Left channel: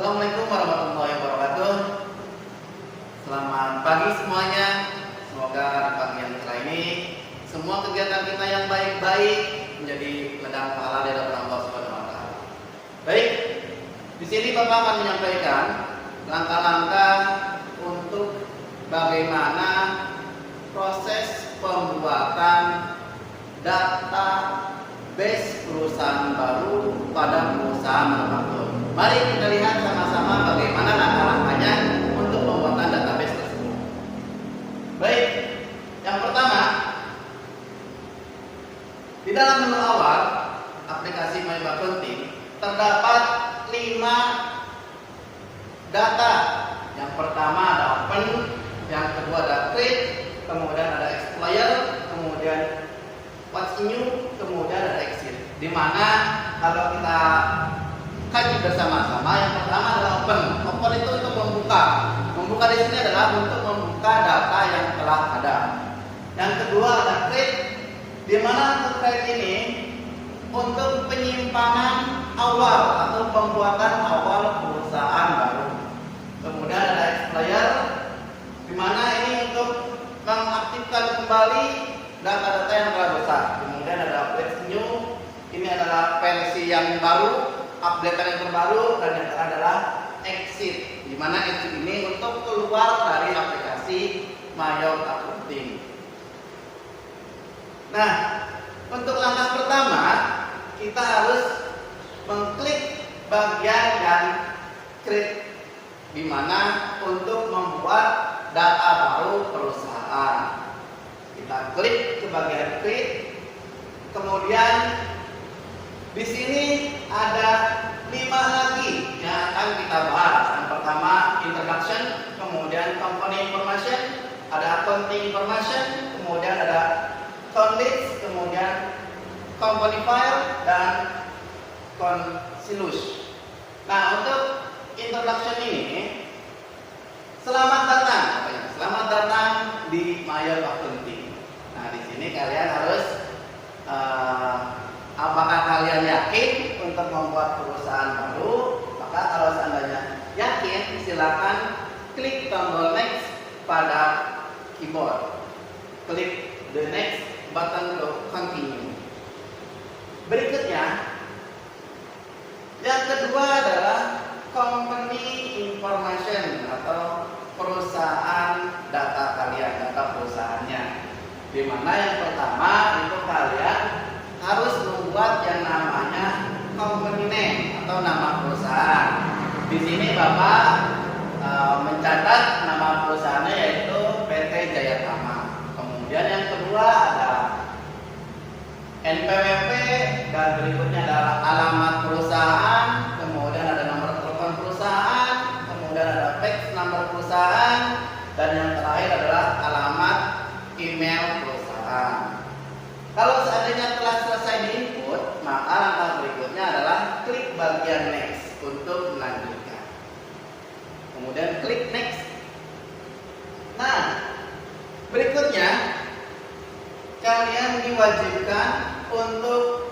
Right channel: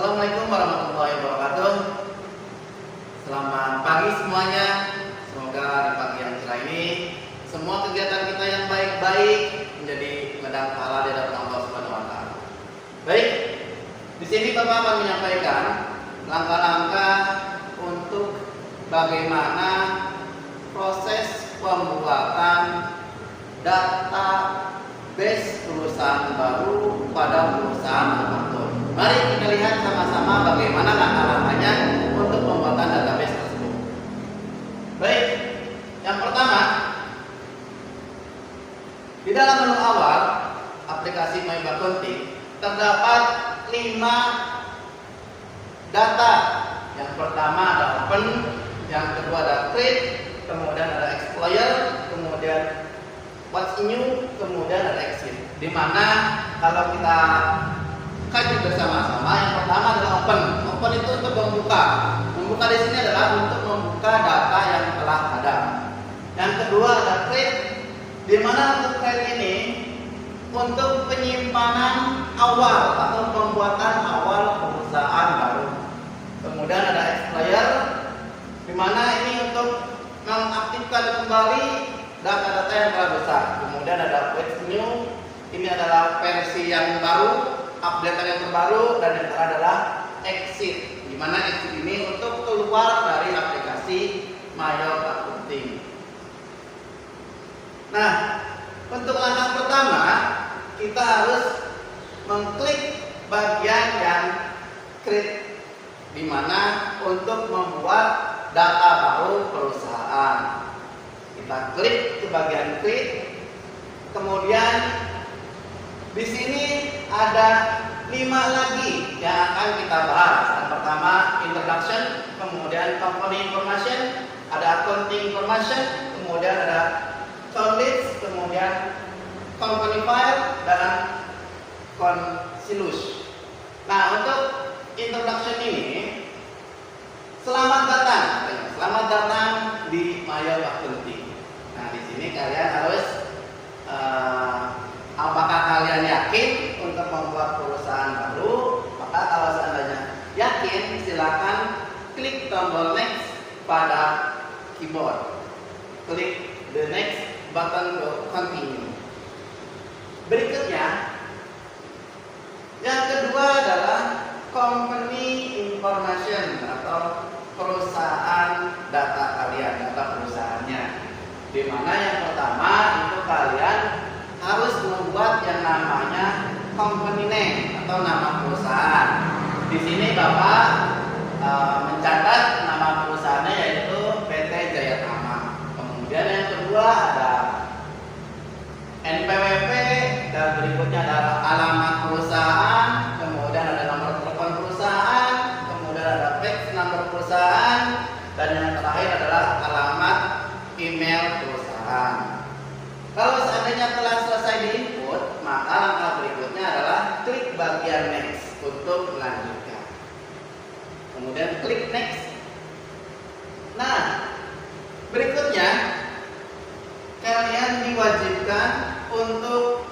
Assalamualaikum warahmatullahi wabarakatuh. Selamat pagi semuanya. Semoga di pagi yang cerah ini semua kegiatan kita yang baik-baik menjadi ladang pahala di hadapan Allah Subhanahu wa taala. Baik, di sini Bapak akan menyampaikan langkah-langkah untuk bagaimana proses pembuatan database perusahaan baru pada perusahaan manufaktur. Mari kita lihat sama-sama bagaimana langkah-langkahnya untuk pembuatan database tersebut. Baik, yang pertama, di dalam menu awal aplikasi My Accounting terdapat 5 data. Yang pertama ada open, yang kedua ada create, kemudian ada explorer, kemudian what's new, kemudian ada exit. Di mana kalau kita kaji bersama-sama, yang pertama adalah open. Open itu untuk membuka. Membuka di sini adalah untuk membuka data yang telah ada. Yang kedua ada create, di mana untuk create ini untuk penyimpanan awal atau pembuatan awal perusahaan baru. Kemudian ada explorer, di mana ini untuk mengaktifkan kembali data-data yang telah besar. Kemudian ada what's new, ini adalah versi yang baru, update yang terbaru, dan yang adalah exit, di mana exit ini untuk keluar dari aplikasi My Accounting. Nah, untuk langkah pertama kita harus mengklik bagian yang create, di mana untuk membuat data baru perusahaan. Kita klik ke bagian create, kemudian di sini ada 5 lagi yang akan kita bahas. Yang pertama introduction, kemudian company information, ada accounting information, kemudian ada account list, kemudian company file, dan concilius. Nah, untuk introduction ini, selamat datang di My Accounting. Nah, di sini kalian harus apakah kalian yakin untuk membuat perusahaan baru? Maka kalau seandainya yakin, silakan klik tombol next pada keyboard. Klik the next button to continue. Berikutnya, yang kedua adalah company information atau perusahaan data kalian, data perusahaannya. Di mana yang pertama itu kalian harus membuat yang namanya company name atau nama perusahaan. Di sini Bapak mencatat nama perusahaannya yaitu PT Jayatama. Kemudian yang kedua ada NPWP, dan berikutnya adalah alamat perusahaan, kemudian ada nomor telepon perusahaan, kemudian ada fax nomor perusahaan, dan yang terakhir adalah alamat email perusahaan. Kalau seandainya telah selesai diinput, maka langkah berikutnya adalah klik bagian next untuk melanjutkan. Kemudian klik next. Nah, berikutnya kalian diwajibkan untuk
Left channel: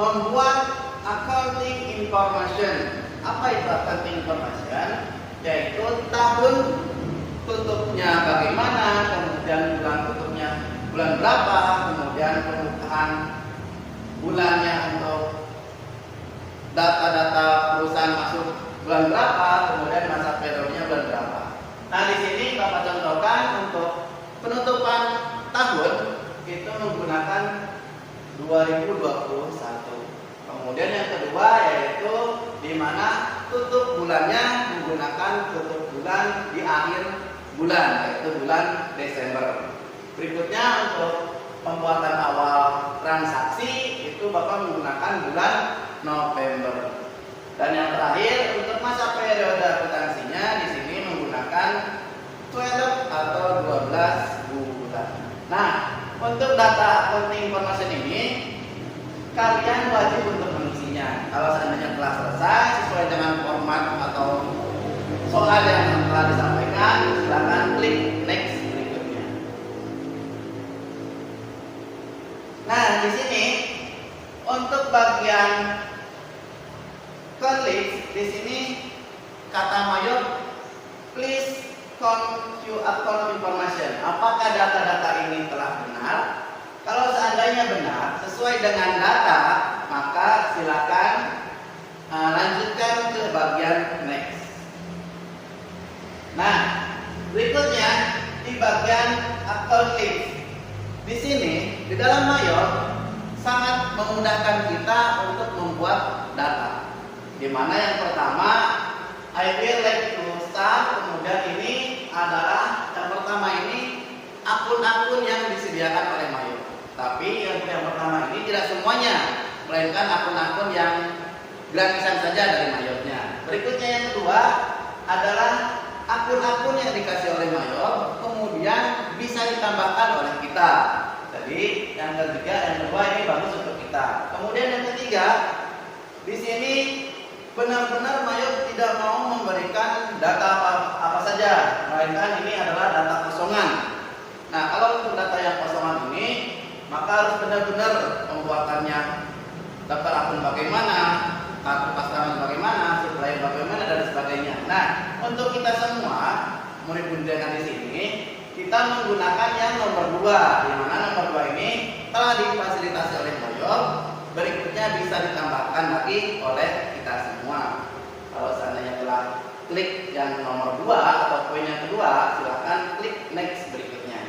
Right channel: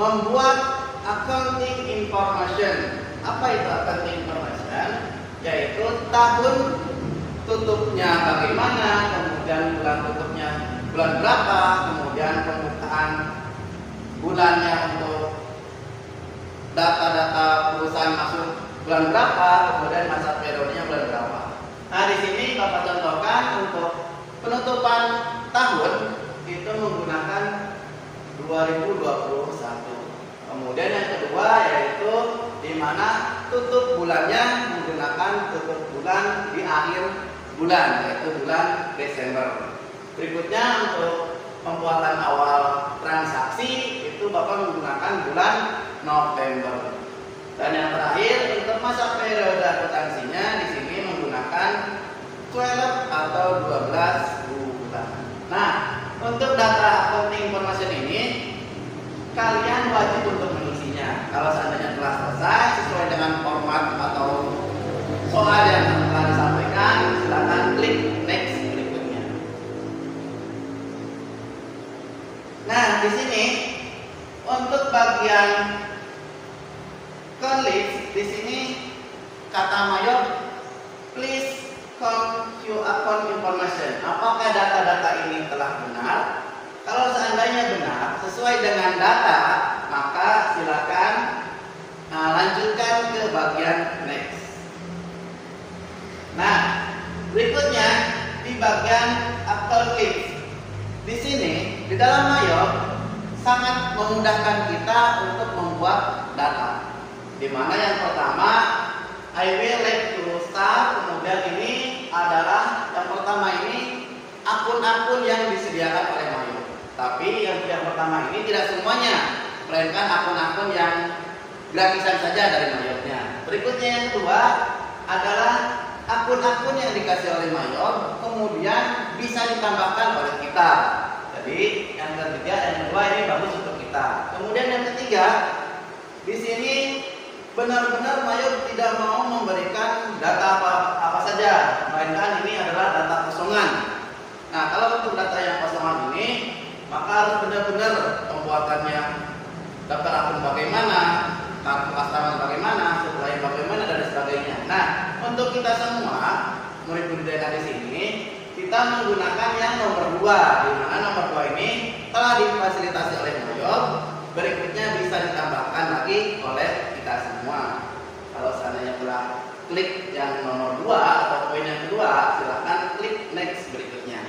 membuat accounting information. Apa itu accounting information? Yaitu tahun tutupnya bagaimana, kemudian bulan tutupnya bulan berapa, kemudian pembukaan bulannya untuk data-data perusahaan masuk bulan berapa, kemudian masa periodenya bulan berapa. Nah, di sini Bapak contohkan untuk penutupan tahun itu menggunakan 2021. Kemudian yang kedua yaitu di mana tutup bulannya menggunakan tutup bulan di akhir bulan, yaitu bulan Desember. Berikutnya untuk pembuatan awal transaksi itu Bapak menggunakan bulan November. Dan yang terakhir untuk masa periode akuntansinya di sini menggunakan 12 atau 12 bulan. Nah, untuk data accounting information ini kalian wajib untuk mengisinya. Kalau seandainya telah selesai sesuai dengan format atau soal yang telah disampaikan, silakan klik next berikutnya. Nah, di sini untuk bagian ke list di sini kata Mayop, please come to account information. Apakah data-data ini telah benar? Kalau seandainya benar, sesuai dengan data, maka silakan lanjutkan ke bagian next. Nah, berikutnya di bagian account list. Di sini, di dalam Mayop sangat memudahkan kita untuk membuat data. Di mana yang pertama, I will like to start. Kemudian ini adalah yang pertama ini akun-akun yang disediakan oleh Mayop. Tapi yang pertama ini tidak semuanya, melainkan akun-akun yang gratisan saja dari Mayopnya. Berikutnya yang kedua adalah akun-akun yang dikasih oleh Mayop, kemudian bisa ditambahkan oleh kita. Jadi yang ketiga, yang kedua ini bagus untuk kita. Kemudian yang ketiga, di sini benar-benar Mayop tidak mau memberikan data apa saja, melainkan ini adalah data kosongan. Nah, kalau untuk data yang kosongan ini, maka harus benar-benar pembuatannya, daftar akun bagaimana, kartu asrama bagaimana, supplier bagaimana, dan sebagainya. Nah, untuk kita semua murid budidaya di sini, kita menggunakan yang nomor 2, di mana nomor 2 ini telah difasilitasi oleh Mayop. Berikutnya bisa ditambahkan lagi oleh kita semua. Kalau seandainya telah klik yang nomor 2 atau poin yang kedua, silakan klik next berikutnya.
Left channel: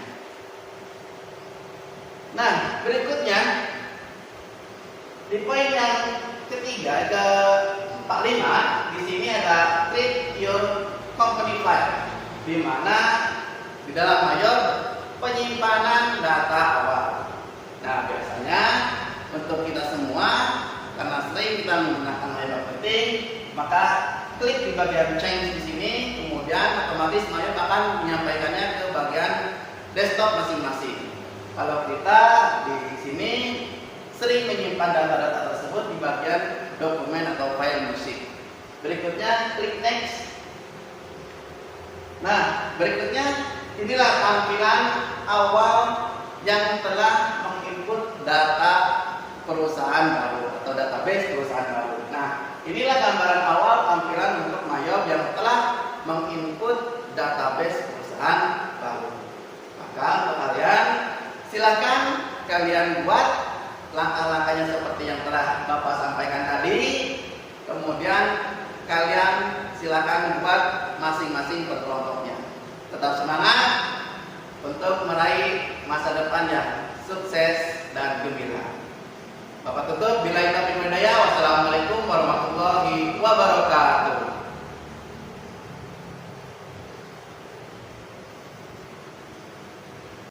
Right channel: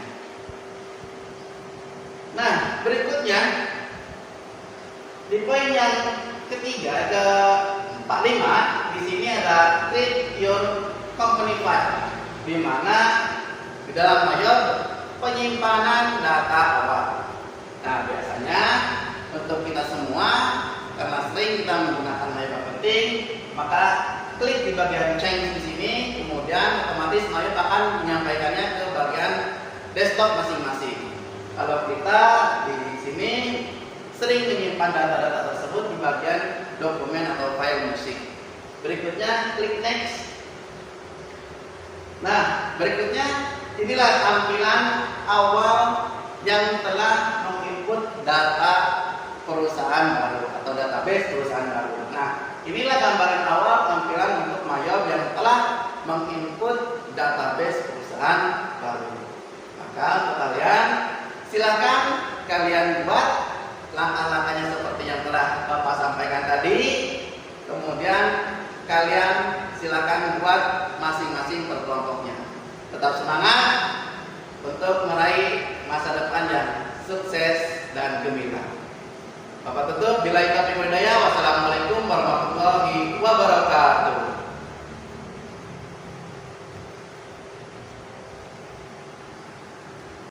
Nah, berikutnya di poin yang ketiga ke 45, di sini ada create your company file, di mana di dalam Mayop penyimpanan data awal. Nah, biasanya untuk kita semua, karena sering kita menggunakan Mayop Marketing, maka klik di bagian change di sini, kemudian otomatis Mayop akan menyampaikannya ke bagian desktop masing-masing. Kalau kita di sini sering menyimpan data-data tersebut di bagian dokumen atau file musik. Berikutnya klik next. Nah, berikutnya inilah tampilan awal yang telah menginput data perusahaan baru atau database perusahaan baru. Nah, inilah gambaran awal tampilan untuk Mayop yang telah menginput database perusahaan baru. Maka untuk kalian, silakan kalian buat langkah-langkahnya seperti yang telah Bapak sampaikan tadi. Kemudian kalian silakan buat masing-masing per kelompoknya. Tetap semangat untuk meraih masa depan yang sukses dan gembira. Bapak tutup, billahi taufiq wal hidayah. Wassalamualaikum warahmatullahi wabarakatuh.